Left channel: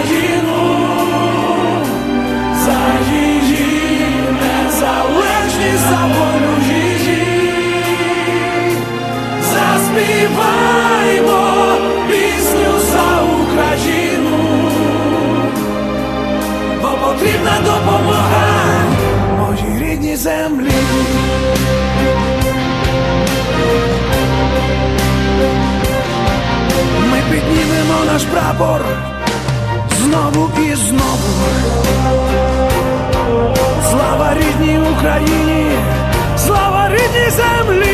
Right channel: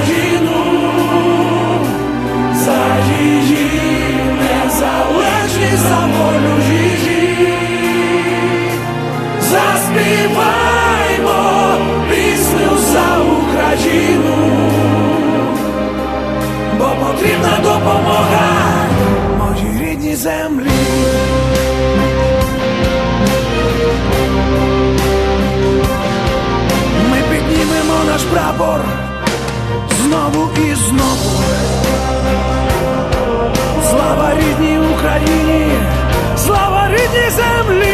Україну, пісню за Україну, бо потрібна допомога моїй рідній землі. І знову. Слава рідній Україні, слава рідній землі.